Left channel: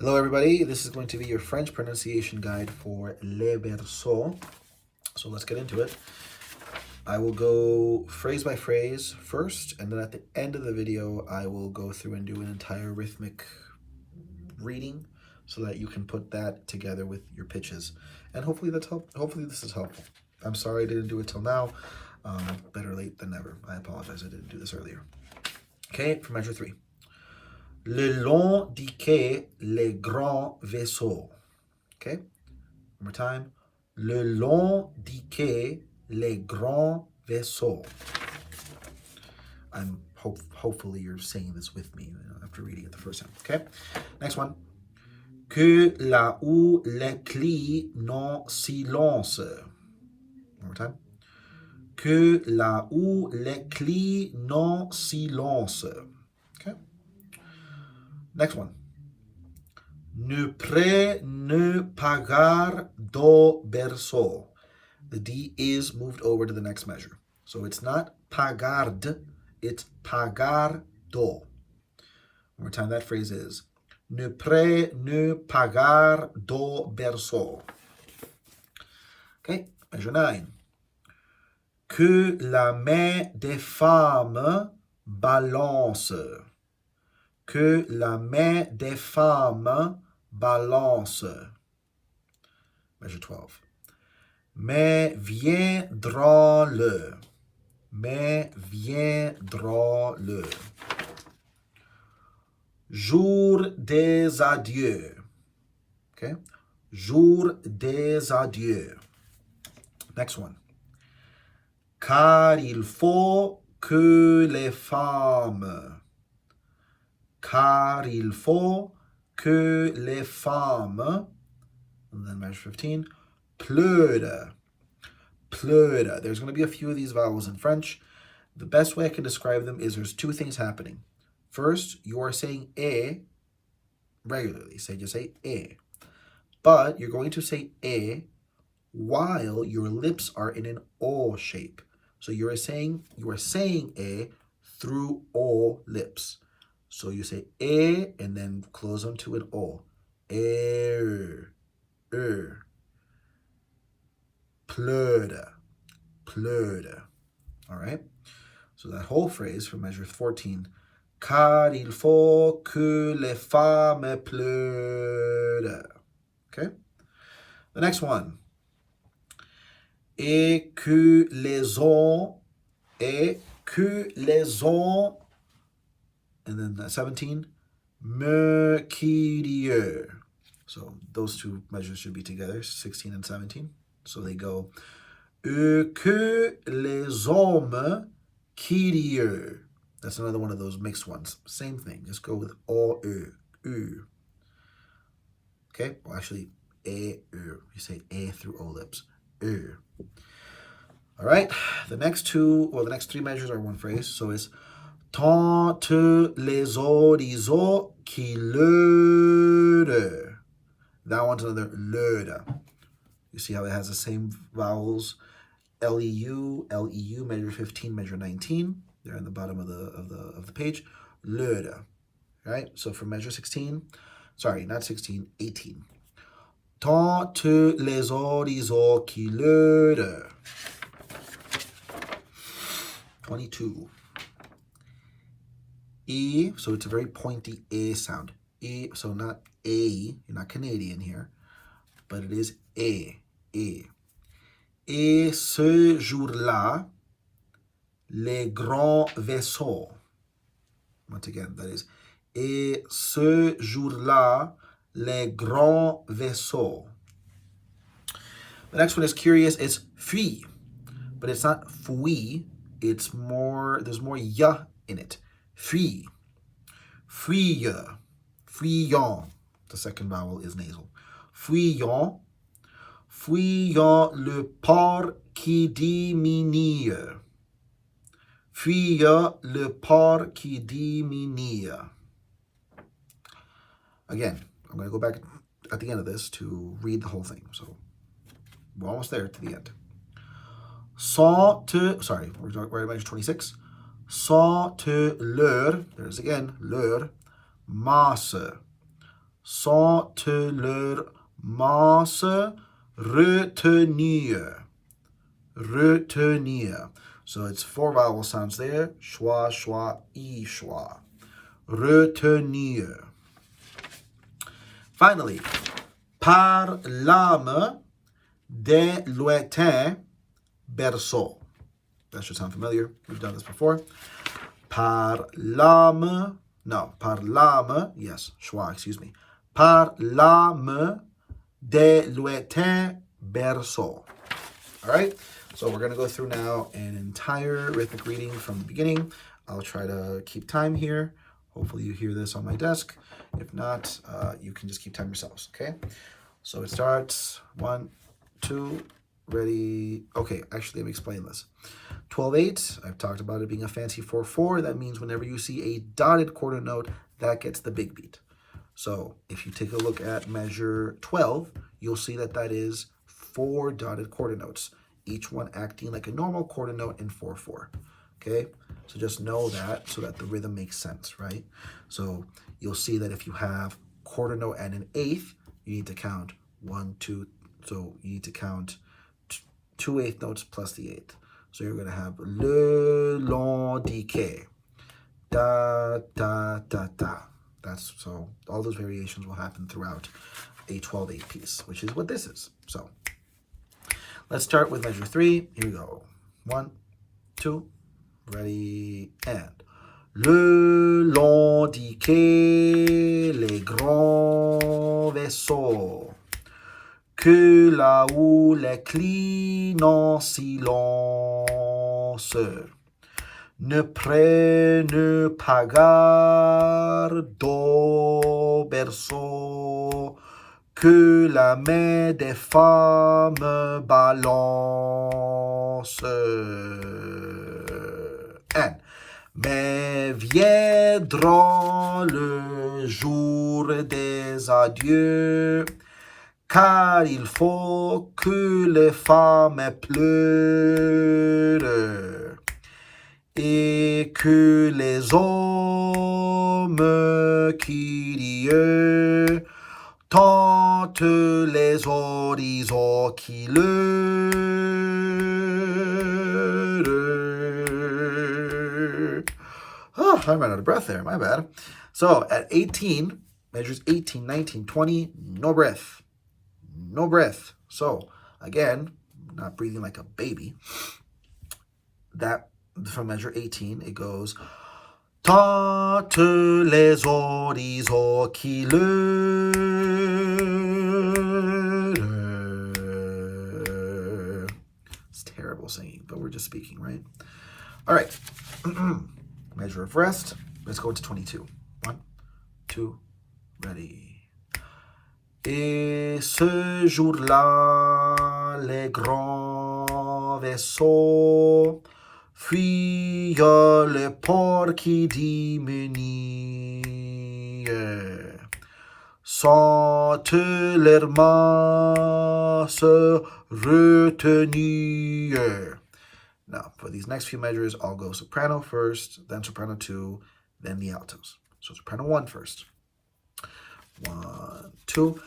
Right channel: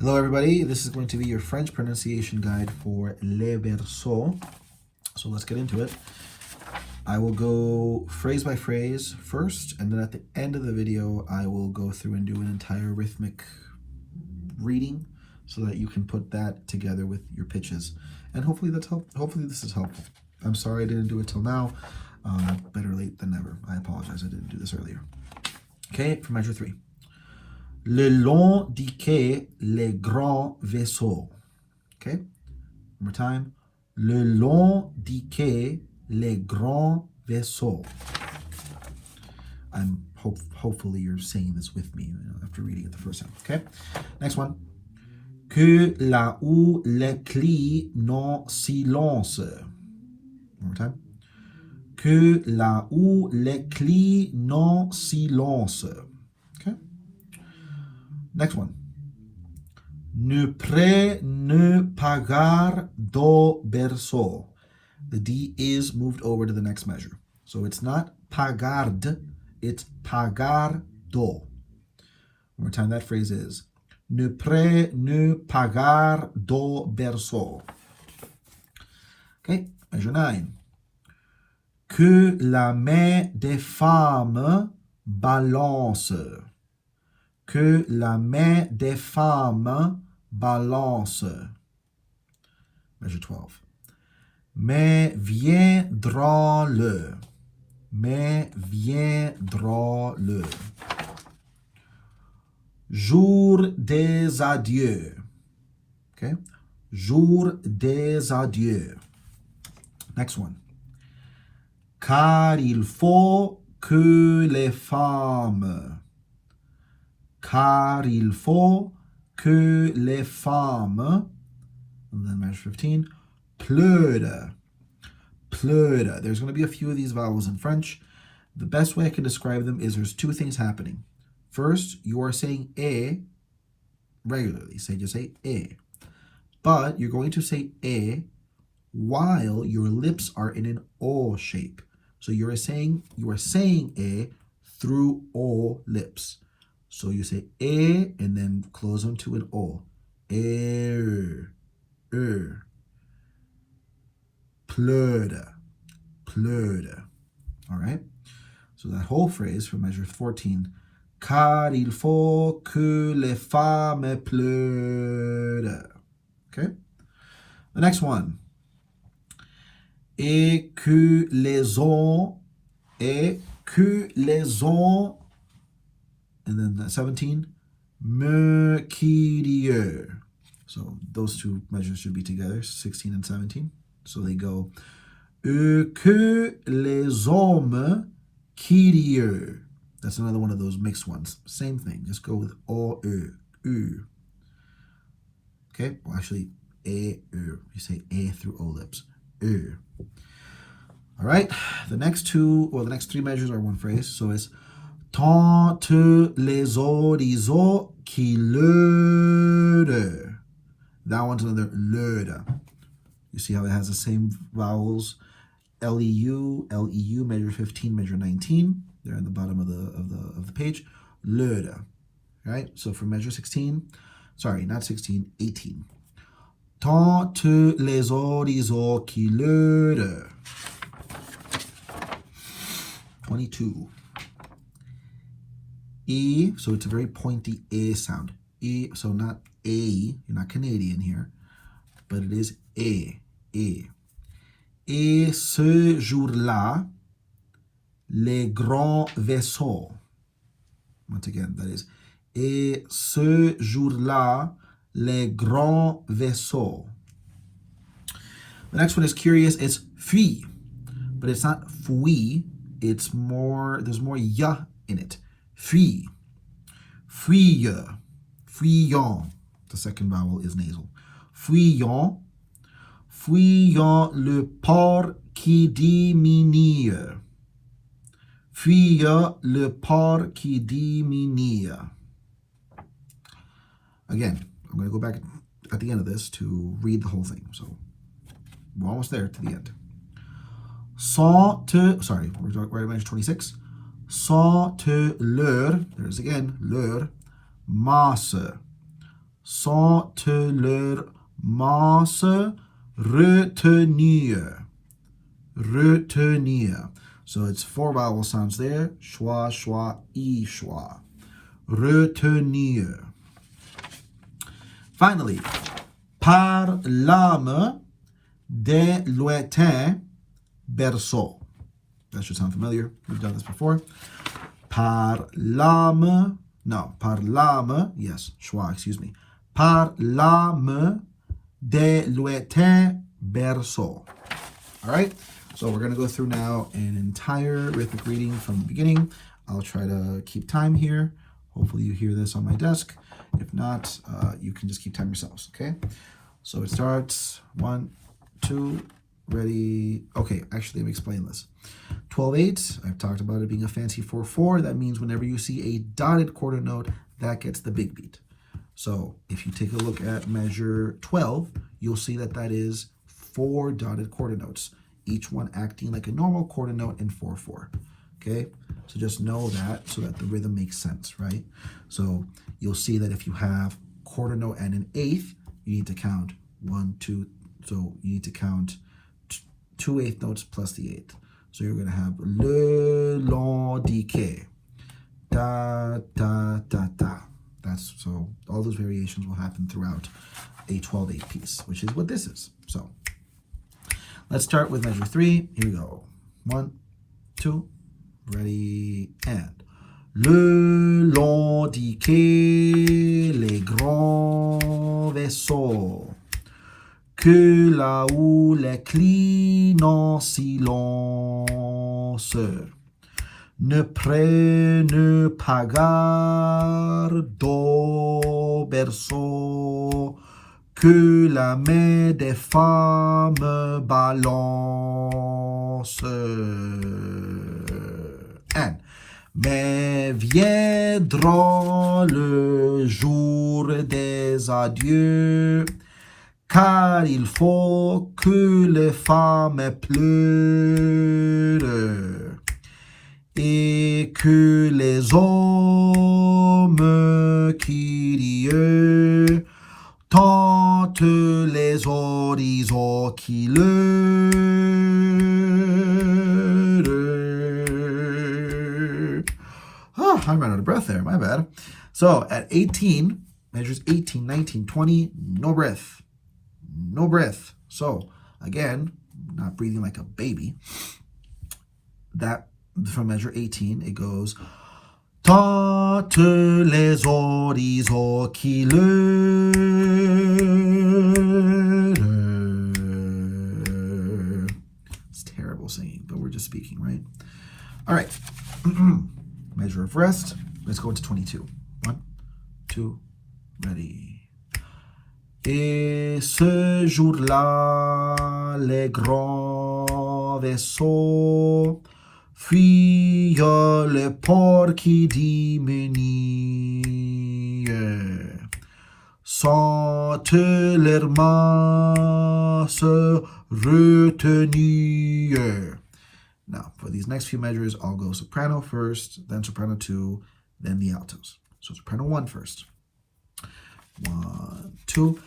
Hello everybody, this is going to be your French pronunciation guide for Le Berceaux. So let's get into it. I will go phrase by phrase first, and then at the end of the video, I will go through and do an entire rhythmic reading so that you can put that together with your pitches. And hopefully hopefully this is helpful. I'm sorry I didn't do it till now. Better late than never. I apologize, I didn't do this earlier. Okay, for measure 3. Le long du quai, les grands vaisseaux. Okay? One more time. Le long du quai, les grands vaisseaux. Hopefully you're saying this with me after reading it the first time. Okay? Next one. Que là où les clis non silence. One more time. Que là où les clis non silence. Okay? Next one. Ne près ne pagar do Berceaux. The D is moved over to the next measure. So it's not pagard, it's pagar do. One more time, that phrase is ne près ne pagar do Berceaux. Okay, measure 9. Que la main des femmes balance. Que la main des femmes balance. Measure 12. Mais viendra-le. Mais viendra-le. Jour des adieux. Okay? Jour des adieux. Next one. Car il faut que les femmes. Car il faut que les femmes, and then measure 15, pleurent. Pleurent. There's going to be a few of these vowels in French. The best way I can describe them is there's two things happening. First, you are saying a regularly. Just say a. But you're going to say a while your lips are in an O shape. So you are saying a through O lips. So you say and then close them to an O. Pleure. Pleure. All right? So that whole phrase for measure 14. Car il faut que les femmes pleurent. Okay? The next one. Et que les hommes, and then 17, mercurieux. So those two measures should be together, 16 and 17. So they go, que les hommes curieux. That's another one of those mixed ones. Same thing, just go with o, u. Okay, well actually, you say a through o lips, All right, the next 3 measures are one phrase. So it's tant les horizons qui leurent. That one's another leurent. You see how it has the same vowels? L-E-U, measure 15, measure 19. They're in the bottom of the page. Leurent. Right? So for measure 16, sorry, not 16, 18. Tant les horizons qui leurent. 22. E, so it's a very pointy A sound. E, so not A, you're not Canadian here, but it is A. Et ce jour-là, les grands vaisseaux. Once again, that is, et ce jour-là, les grands vaisseaux. The next one is curious. It's fui, but it's not fui. It's more, there's more ya in it. Fui. Fuyeux. Fuyant. The second vowel is nasal. Fuyant. Fuyant le port qui diminue. Fuyant le port qui diminue. Again, I'm going to go back at the end of this to read the whole thing. So we're almost there to the end. We're at measure 26. Sans te leur, there's again, leur, masse. sans te leur masse retenir. Retenir. So it's 4 vowel sounds there. Schwa, schwa, I, schwa. Retenir. Finally, par l'âme des lointains berceaux. That should sound familiar. We've done this before. Par l'âme, yes, schwa, excuse me. Par l'âme des lointains berceaux. All right, so we're going to go through now an entire rhythmic reading from the beginning. I'll try to keep time here. Hopefully you hear this on my desk. If not, you can just keep time yourselves, okay? So it starts 1, 2, ready. Okay, actually, let me explain this. 12/8, I've talked about it being a fancy 4/4. That means whenever you see a dotted quarter note, that gets the big beat. So if you take a look at measure 12, you'll see that that is 4 dotted quarter notes, each one acting like a normal quarter note in 4/4. Okay, so just know that so that the rhythm makes sense, right? So you'll see that if you have quarter note and an eighth, you need to count 1, 2. So you need to count 2 eighth notes plus the eighth. So you're going to have le long decay, da da da da. That's so all those variations will happen throughout a 12/8 piece, which is what this is. So let's start with measure 3. Here we go. 1, 2, ready, and. Le long du quai, les grands vaisseaux, que la houle cline en silence, ne prennent pas garde au berceau, que la main des femmes balance. And mais viendra le jour des adieux, car il faut que les femmes pleurent et que les hommes curieux tentent les horizons qui Oh, I ran out of breath there. My bad. So at 18, measures 18, 19, 20, no breath. No breath. So again, not breathing like a baby. That from measure 18, it goes Tente les horizons qui It's terrible singing, but we're just speaking, right? All right. Measure of rest. Let's go into 22. 1, 2, ready. Et ce jour-là, les grands vaisseaux fuyent le port qui diminue, sans leur masse retenue. Now, for these next few measures, I'll go soprano first, then soprano 2, then the altos. So soprano 1 first. 1, 2.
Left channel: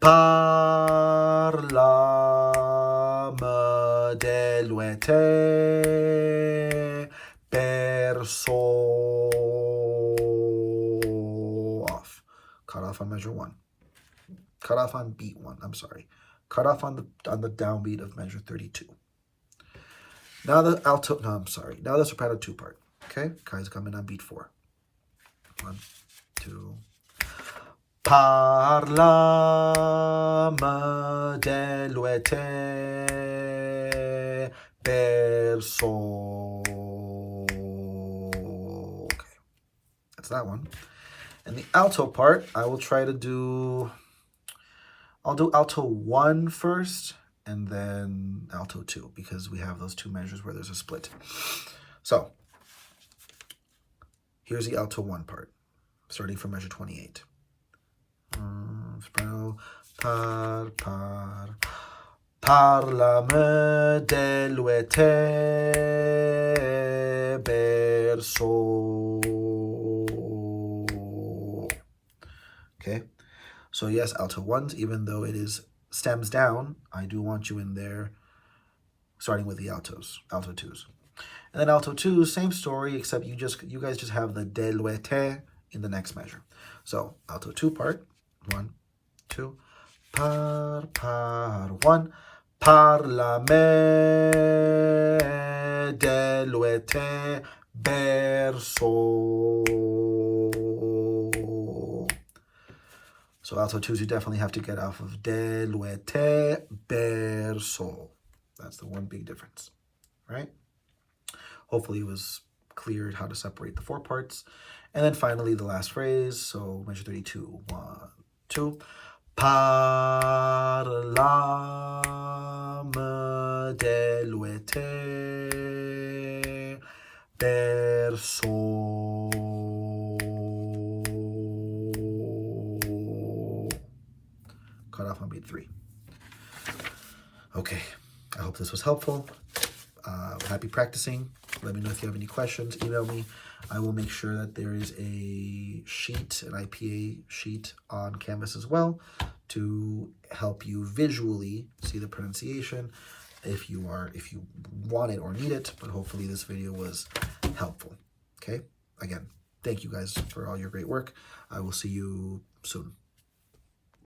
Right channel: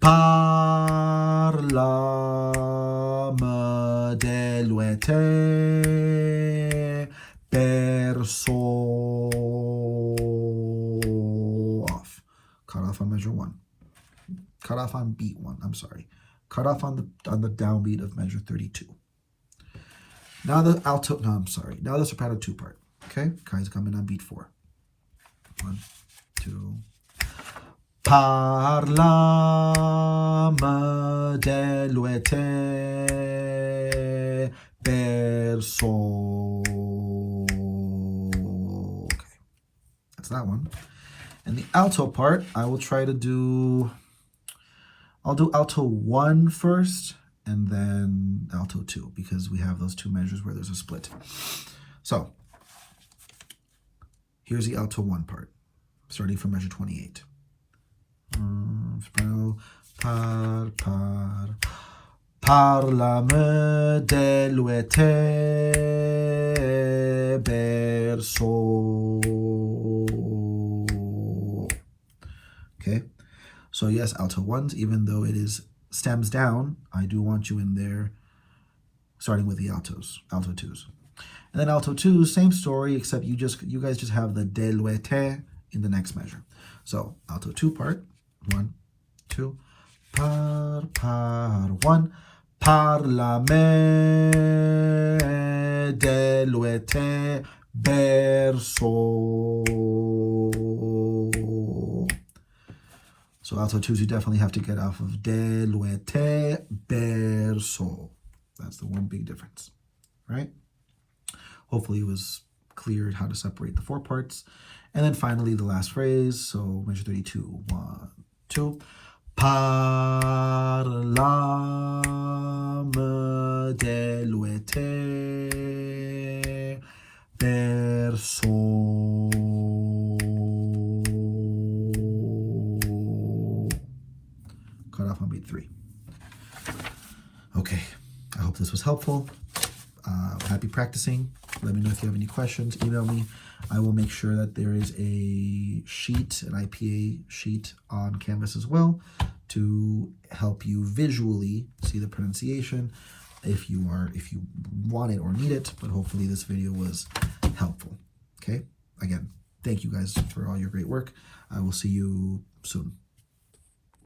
Par l'âme des lointains berceaux. Off. Cut off on measure 1. Cut off on beat 1. I'm sorry. Cut off on the downbeat of measure 32. Now the alto, no, I'm sorry. Now the soprano 2 part. Okay? Kai's coming on beat 4. 1, 2. Par l'âme des lointains berceaux. Okay. That's that one. And the alto part, I will try to do, I'll do alto 1 first, and then alto 2, because we have those 2 measures where there's a split. So, here's the alto 1 part, starting from measure 28. Soprano, par l'âme des lointains berceaux. Okay, So yes, alto 1s, even though it is stems down, I do want you in there starting with the altos, alto 2s. And then alto 2s, same story, except you guys just have the deluete in the next measure. So alto 2 part, 1, 2, par, 1, parlame, deluete, Berceaux. So alto 2s, you definitely have to get off of deluete, Berceaux. That's the one big difference, right? Hopefully it was clear how to separate the 4 parts. And then finally the last phrase, so measure 32, 1, 2. Parlame deluete Berceaux. Cut off on beat 3. Okay, I hope this was helpful. Happy practicing. Let me know if you have any questions. Email me. I will make sure that there is a sheet, an IPA sheet on Canvas as well to help you visually see the pronunciation if you want it or need it. But hopefully this video was helpful. Okay? Again, thank you guys for all your great work. I will see you soon.